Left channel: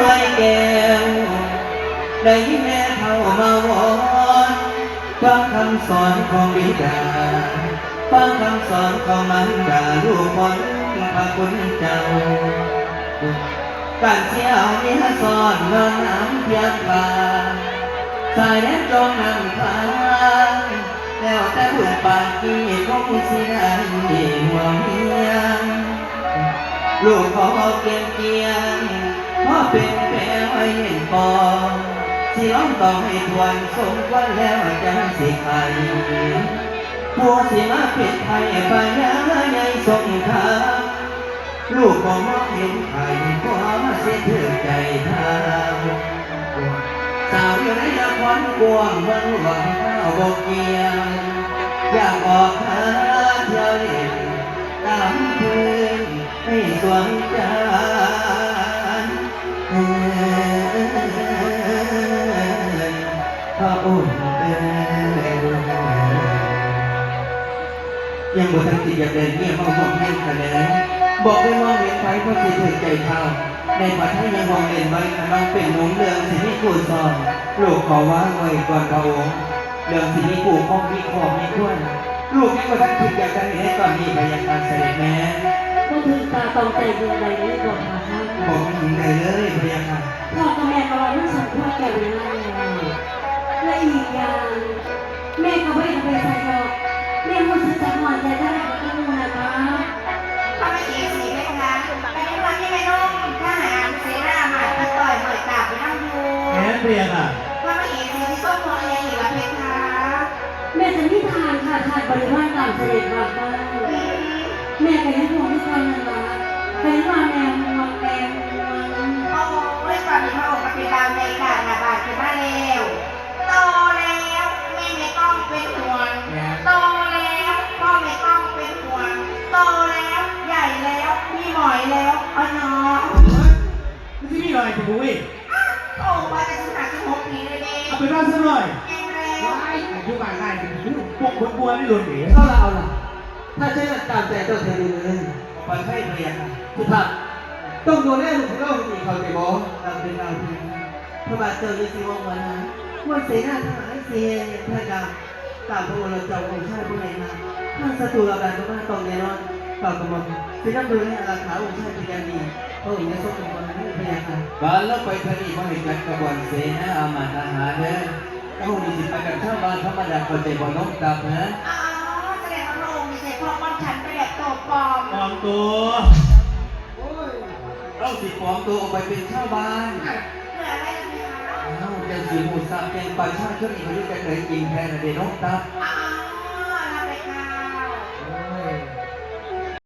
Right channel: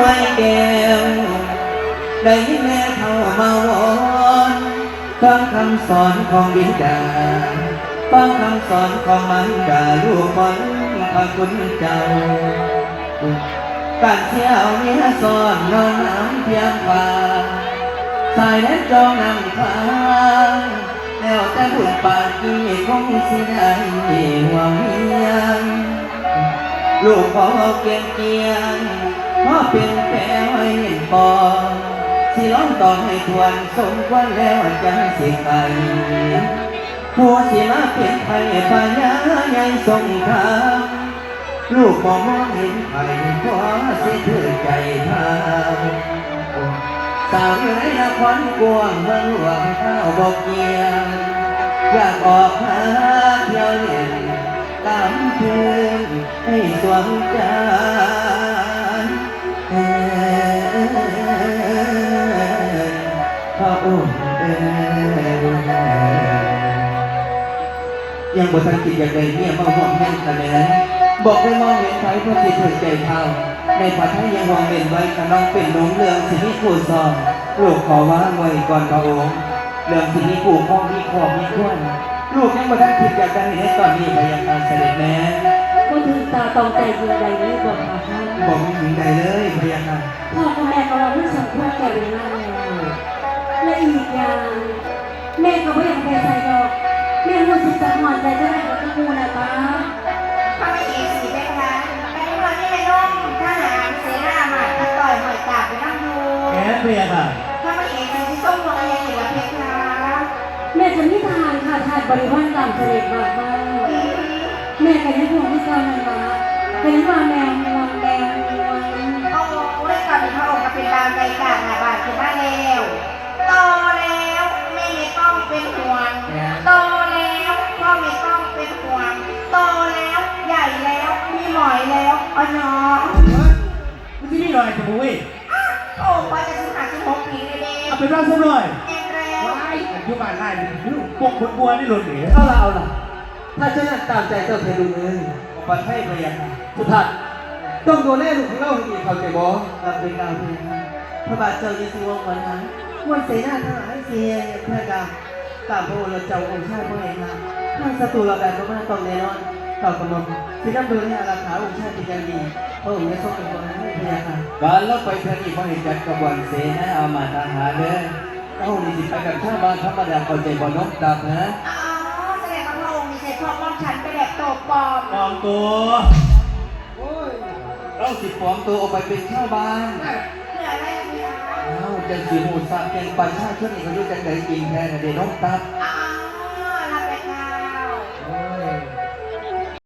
ไว้แก้วได้ยินแม่เขามาวอนฟังคำสอนของบิดาฟังคำสอนของมารดาลูกคนพระคุณเจ้าการเที่ยวมีสอนนอนน้ำเพียงพาสายแดนจองนำทางแล้วแต่ลูกปากกี่คงสิได้หวังยังลูกขอเกียงเกียงเพราะเป็นแผลไว้เห็นปองสิร้องต่อให้ทวนสมควรแล้วจังสิไปผู้สิมาเปลี่ยนไทยปัญญายังทรงทางลูกมองเห็นไทยขอสิถือใจทางสาวอยู่ในนครกวางเมืองหลวงข้าวบกเกียงอยากออกหาเที่ยวเล่นตามพื้นให้สวมใจพระองค์ยังบ่ทันติดอย่างใดเนี่ยมาห่วงแม่กันเลยบอกให้มองเห็นไทยเพราะสิถือใจเท่าในปัทยังห่วงเล่นไว้กำลังเป็นหนุ่มเรื่องสิที่คู่ซองลูกขอว่าไว้ก่อนพระองค์เรื่องสิที่คู่พ่อมีขอมีขั้วลูกยังบ่ทันคิดอย่างใดให้ตอนนี้ไปยังการเสด็จแม่ก็ถึงตาตองใจจริงใดเลยบอกค่ะท่านบอกไม่ถึงใดเลยพยาค่ะพ่อกับแม่ของเราไม่สมควรกันเลยและอีกอย่างแม่ก็ไม่อยากไปใส่ดอกแม่รู้สึกจังหวะใจได้กับตะมูนะคะพระมเหสีได้คะแต่ในวันที่ในร่มทหารเสนาหมัดตะต่อยหน่อยตาไปนั่งดูแม่พยาค่ะพระมเหสีที่ส้มลอยยังอยู่กับเพคะแม่จะไม่ทานค่ะทานบริวารต่างเสด็จมาบ้างแม่ก็ยังห่วงไม่เคยมันมาเป็นว่าแมวมองแมวโอ้ยก่อนที่พระองค์จะเป็นดาวใจกาดหน้าบาดขึ้นมาแล้วโตแล้วไม่ต้องเป็นห่วงโตแล้วพ่อไม่ต้องเป็นห่วงโตแล้วใหญ่แล้วมีหมอยแล้วอ๋อเนาะมึงที่นี่หน่อยถูกไหมโอ้ไปจะถึง56 ปีเลยเด้เอาไปรอดซะหน่อยยังแล้วอายุบ้านไร่พวกบัวนี่หลุดหนีเอาละถ้าเจ้าตามใจตัวเธอดูเลยฟันให้พยาค่ะสุดท้ายต้องดูแลลูกของเราดีเขาใจบ่รับเป็นเราเพียงพระบาทเจ้าจะสิวงวันนั้นวันเสนาทั้งหลายเสียพระกาตามพระองค์เจ้าองค์ชายพระเอกนะท่านศัตรูเราแบบก็ต้องแน่นอนต่อกระหม่อมที่นั่นดูให้อาราขาองค์ชายเป็นอย่างดีพระองค์จะทรงเป็นคนให้พยาค่ะการลดไปทางนี้พระเอกจัดกระบวนเสนาอามาตย์ทหารเด้อพระองค์มีสิทธิ์ไปกับชาวบ้านธรรมดาคนใจบ่นกตามนะอ๋อแสดงว่าพระองค์มีใจพ่อป้อมฉันไปแบบโตปลอมปลอมตัวเราสิปลอมตัวออกไปเป็นชาวบ้านเหลืออะไรกันเนี่ยจะสีหูสาเป็นประชาชนเขาอยู่กันไหนจริงแท้เด็กน้องตาอ๋อ